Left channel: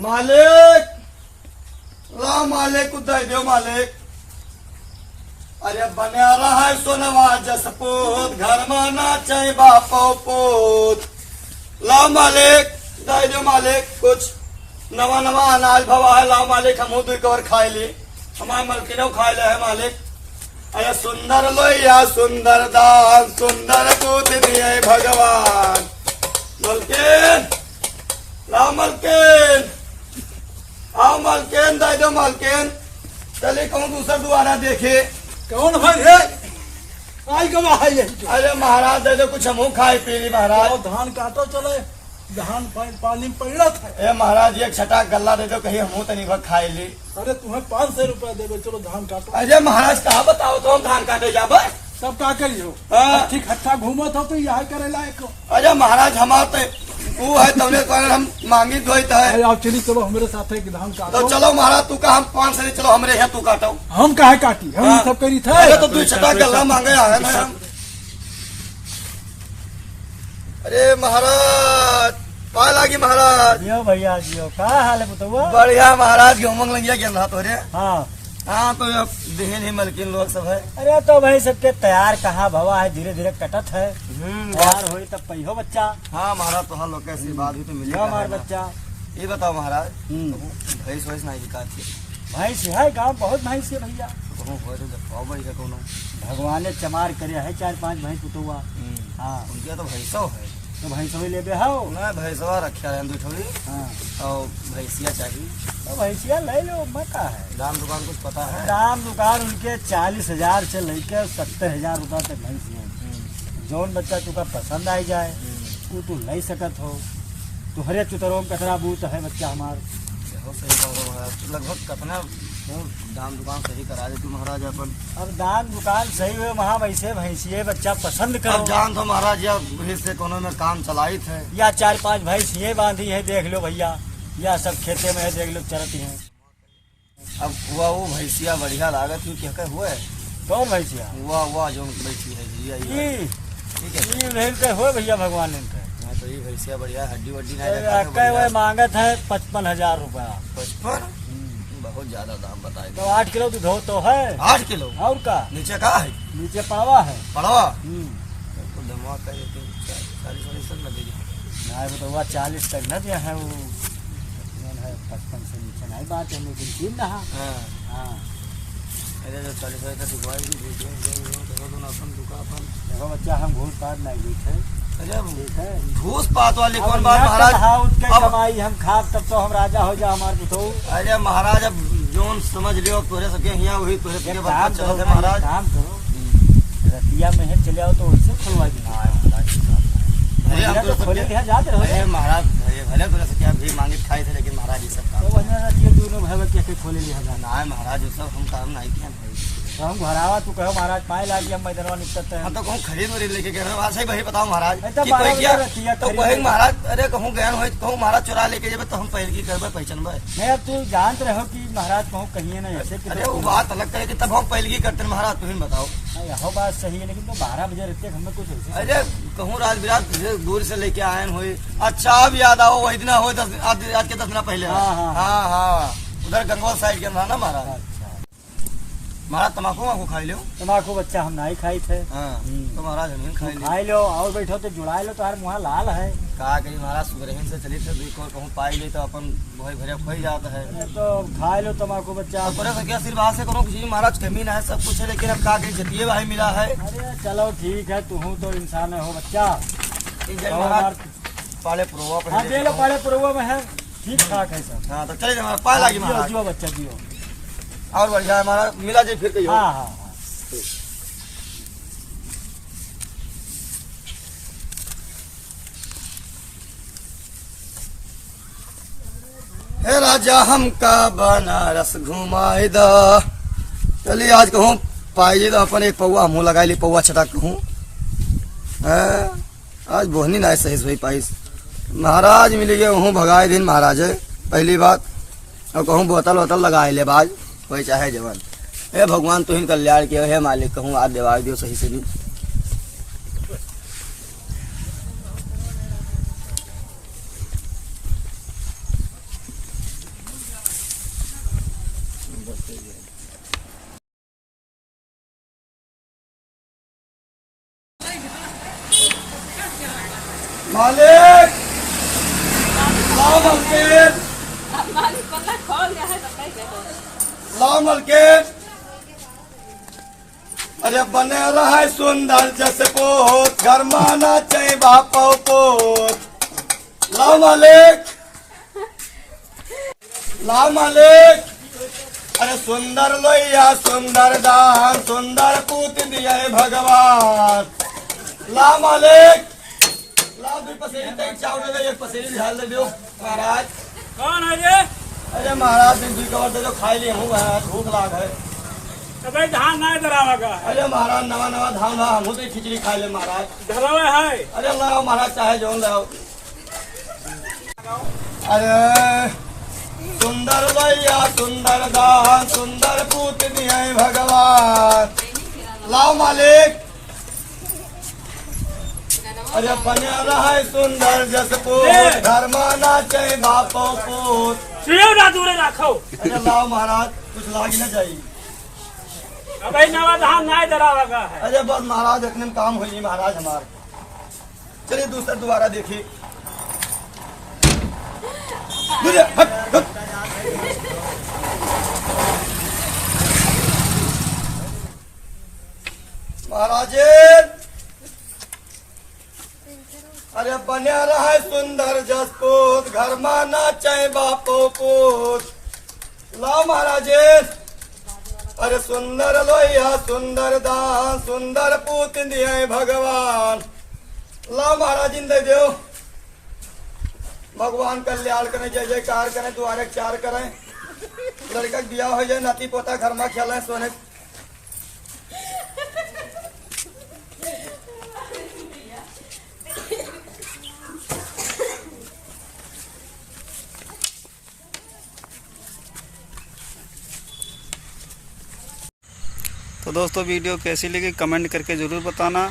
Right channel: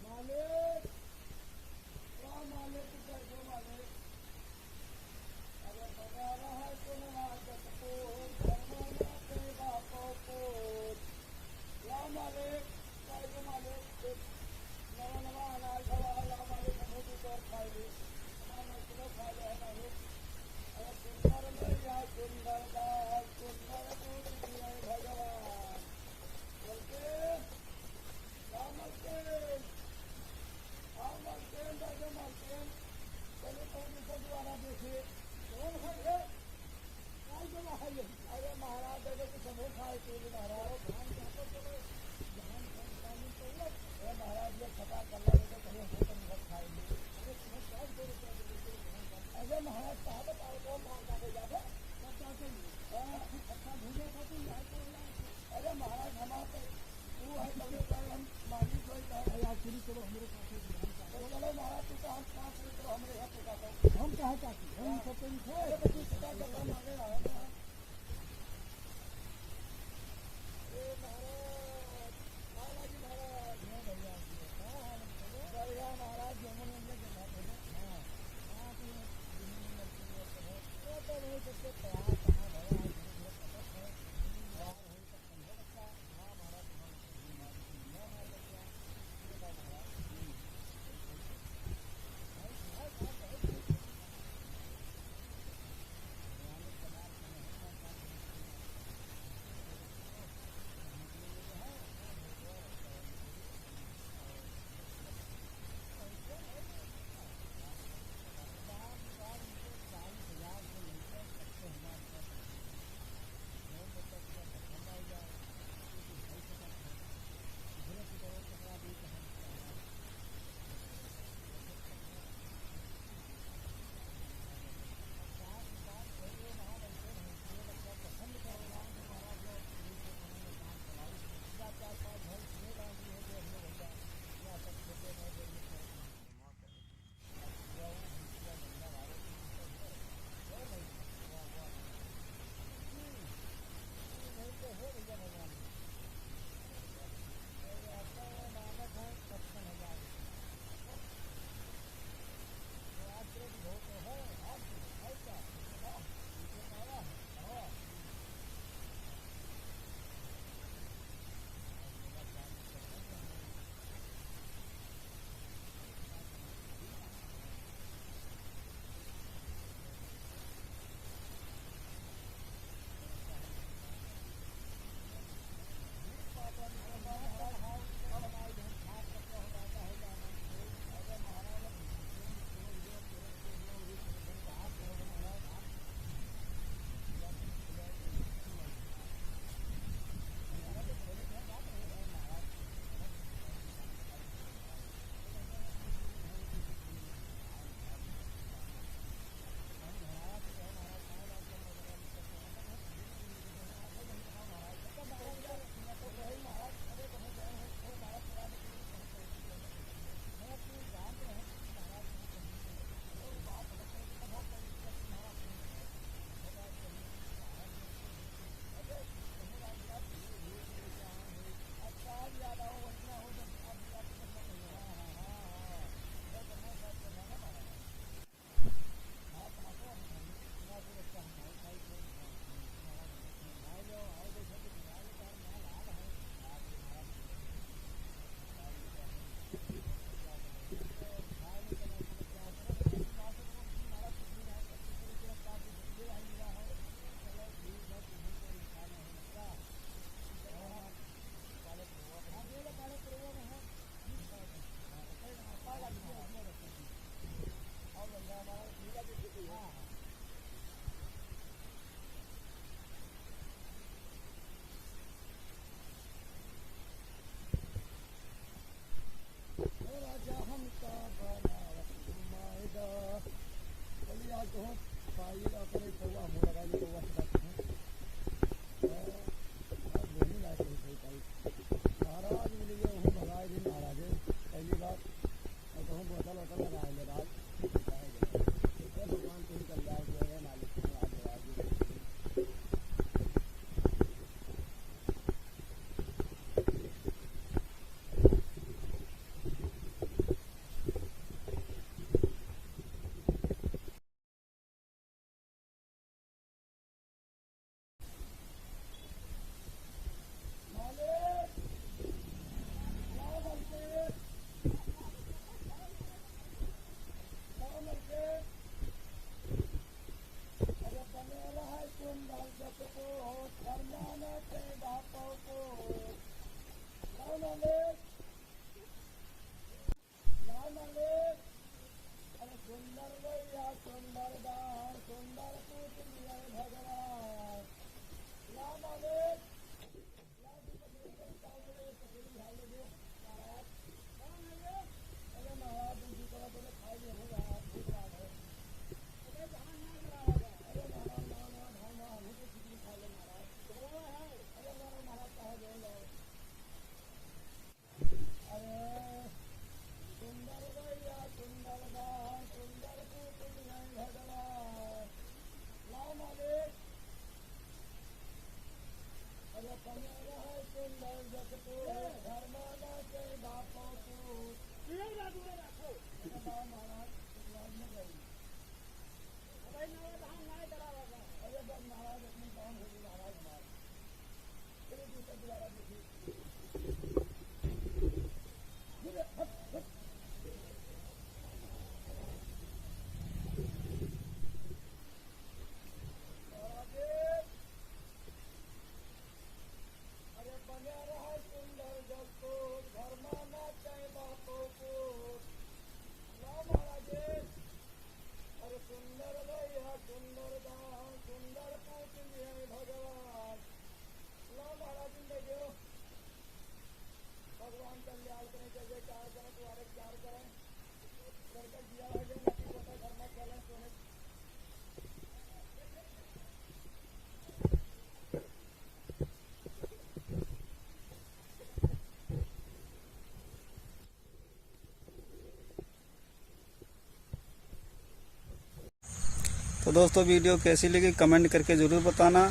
मालिक ला मालिक उदय दो मालिक। अरे बना रहा है सोनवा जसपूत घर में नाचे बापो पूत। ला मालिक दे दो मालिक कुछ नवा नवा अनाज भवा है। ला मालिक हम दू कवर खाए ली हमारे मलकिनो खाए ले है मालिक। अरे सुंदर लोहिया सुंदर दान सुंदर दूध दिए भगवान। मलकिन ला मलकिन आओ मलकिन दे दो मलकिन। चलिए कहूँ दूसरा दोबारा देखे कौन भाई है आई कब आई है? अरे महाराज दे दो कुछ हम खाए पी ली महाराज। धान काटो चले धान पानी में पड़ा था। ए महाराज एक छटा गल्ला दे दो कहीं हम तनी भर खाए ली। अरे तुम्हें 500 रुपया देवे चलो धान काटो। अरे महाराज कहा बताओ तो हम धान काटे जाब। सब का करियो हाँ। ठीक हट्ठा घूमत हो तो यहाँ करे लायक। अरे महाराज हमारे वो है तमने कारण हम मांगी धोइत है। अरे आप चली चलो हमारे साथ है कि धान काटो। तो चलो महाराज तू का हम 500 नहीं चलो हमरे यहाँ तू काटो। हम काहे काटी हम हाँ। सब करी थे। अरे तो तू छटा गल्ला मांगे आए ना हम। अरे महाराज पा लागी महाराज। जियो भैया जियो का हाल है बताओ। बढ़िया महाराज घूमंग लगिया गेल रहा तोरे। हाँ हाँ तो अब देहन ही मलकिन लोग सब है। अरे तो भाई सबके तैयार कहाँ भवा है धीरे धीरे कटत है। तैयार हो तब पहियो बच्चा। हाँ महाराज तो लोग कैसी बात भी तो मिली यो हमार बच्चा। ये बताओ महाराज भैंस वैस नहीं बिका थी। भैंस है गाँव बहुत भैंस है भैया। कहूँ हो तो जब बड़ी का कोनो भगवान ने चमार करे है 4-5 भैंस पुतुआ। हाँ उनके तो भैंसो है। तो भैंस भी ले हो। मैं भैंसवा रखा है दूठोड़ी हाँ और भैंसिया चाहिए। तो भैंसिया ले लो मका है। दाम दुकान कुछ पता है? दाम दुकान उनके 40,000 से लेके 70,000 रुपया तक भैंस है। जौन बच्चा तुका पसंद आई जाए वो तू ले सकत हो। तुहरे चुतरों में कतरा बूत है बच्चा हमार। हो सही कहो महाराज लगभग कितना दाम दुकान सही करा दे तू महाराज अपन। अब दान दुकान सही हुए वहाँ वैसे भैंसिए बच्चा पसंद अब करो। जान तो महाराज या भैंस से कोनो में काम चलाई थे या 4-5 भैंसिए बांधी है देख लो भैया। या सब खेते में है देख लो चरती हैं। अब वो भैंसिया बढ़िया लागत हुई क्या हुए। कौन भैंसिया? वाह जो बैठी है भैया ये ठीक है। ये नहीं के हो भैया भगवान इनके। हाँ तो ये भैंसिया बढ़िया हड्डी वड्डी वो मांगत है 55,000 रुपया। 55 बहुत ज्यादा दाम बताए। तो 8 किलो दूध हो तो है। 8 किलो और का नीचे का है नीचे पड़वा है। पड़वा तो धमा का 40-40 तक लगेगी। नहीं बताओ 40 तक न दिया है वो है 55 से नीचे नहीं बात है लेकिन ठीक ना। हाँ अरे जो 40 तक दुकान तो अपन दुकान देखो बच्चा हम घूस पात नहीं ली थे। अरे घूस पात वाली कौन बात महाराज। अब कमाई हम खाब तब तो हम राजा हो जा हमारे तो। अरे महाराज अब जोन समझ लियो तोरे सके यहाँ वही तोरे सके बात चलो थे महाराज। काम करो रतिया में है चले आओ तो वैसे खुलवा देना अरे हम तो खोले दिया जाते रहो। अरे महाराज भले तोरे सके अभी मांगे खाए थे लेकिन महाराज ये सब तो वजह रतिया दोनों भाई के खोले लिया जाना। ना महाराज ये सब हम काम नहीं किया तो हम घरावा तू कहो महाराज पाए लागी हम मैदानवा निकलते हैं। हम तो कहूँ खरीद वरीद लेके गए आज ही वही बताओ महाराज तो कि कोई किया तो खरीद कहेंगे महाराज। अरे कहूँ गए हो कहूँ महाराज चुरा लेके जब तो हम पहले की करबे पहचानबे। नहीं अब तू जानते रहो कि महाराज कहूँ कहिए नहीं ऐसे। अरे वो बात अलग करे कि तब हम पहले की करते महाराज तुम बताओ। यह बात सही है लेकिन तो 12 बजे रहते हमें कुछ ऐसे। अरे कहूँ राज विराट दूर से लेके आए हुई। अच्छा अब याद आओ वही दिन हो आज के 10 दिन पहले। हाँ उधर गंगोल साइड के ना महाराज। महाराज तम्बाकू वाकू खाई लो। तम्बाकू बच्चा हम नहीं खाई थे। तो महाराज हम खाई लो। खाई लो और बैठो तो जुड़ाई लो तो हर मुँह लाल है। कहा कहीं महाराज सुग्रहण से चली थे दुई कहूँ पाई गई तो अपन भय भरे खोई जाता है। तो खाई लो तम्बाकू बच्चा। तोरे सके आशीर्वाद से करो किसी महाराज कमी ना है सब कुछ है लेकिन अब कहा कहीं जतिये भाई मिला है। अरे चलो ठीक है तू तो इंसान हो बच्चा। महाराज पाले पुरवा हाँ दे लो पाले पुरवा में है ठीक ठाक है सब। हाँ तो चले जाए पाए लागी महाराज। जियो बच्चा जियो और बढ़िया है हमारा मिला जी फिर कहियो। हाँ हाँ हे राजा हमका बनारस घुमाए दा। चलिए आज कहूँ पाई तो अपन एक पौवा मुँह लगा ली पौवा छटा कहूँ। आज बोहनी ना सही सही पाइस महाराज मिल गए वहूँ भगाए दिन महाराज है पहली बात। और कहूँ बोतल वोतल लगाए ले बाज कोई चाहे जवान। हे भगवान तुहिन कल्याण के हे मालिक कहूँ आज देवाग दियो सही से भी। मालिक लाओ मलकिन, लाओ मलकिन। अरे बने रहा सुंदर जस पोत, घर माना चाहे बापो पोत। लाओ मालिक, लाओ मालिक। अरे सुंदर लोहिया सुंदर दान, सुंदर पूत दिया भगवान। ला मालिक, ला दो पसेरी तक चावल दे, एक पसेरी ढाल दे दो महाराज। कौन है ये? अरे महाराज दिन दुई कवर दे दो, खाई लिए हूँ महाराज, भूख लाग है। तो भाई धान नहीं धरावा का है। अरे महाराज नवा नवा धान रहा, हम तो खिचड़ी खा ले महाराज। धरावा है। अरे लाओ महाराज, चाहे जो लाओ। अरे सुंदर लोहिया सुंदर दान, सुंदर पूत दिया भगवान। लाओ मालिक। अरे बने रहा सुंदर जस पूत, घर माना चाहे बापो पूत। सियो ना दूरे रखो। अरे लाओ महाराज, कुछ लाग न जाइए। अब भाई नवा धान नहीं धरावा का है। अरे बस महाराज इतने में काम हुई महाराज हमारे। चलिए दूसरा दोबारा देखिए। महाराज अरे बने रहा सुंदर जस पूत, घर माना चाहे बापो पूत। ला महाराज। अरे सुंदर लोहिया सुंदर दान, सुंदर पूत दिए भगवान। ला महाराज इन दे दो। भगवान कल्याण करें, जय जयकार करें, द्वारे चार करें, लड़का बियाह हो जाए, नाती पोता घर में खेलें, सोने। तो दोस्तों वीडियो कैसी लगी कमेंट करके ज़रूर बताना,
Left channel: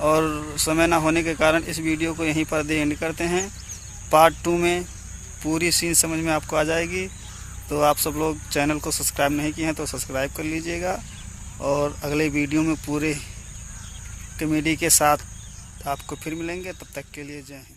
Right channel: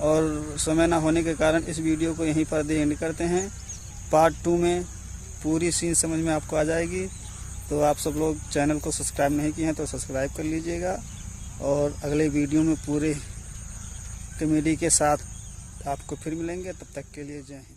और समय ना होने के कारण इस वीडियो को यहीं पर एंड करते हैं। पार्ट 2 में पूरी सीन समझ में आपको आ जाएगी। तो आप सब लोग चैनल को सब्सक्राइब नहीं किए हैं तो सब्सक्राइब कर लीजिएगा, और अगले वीडियो में पूरे कॉमेडी के साथ आपको फिर मिलेंगे। तब तक के लिए जय हिंद।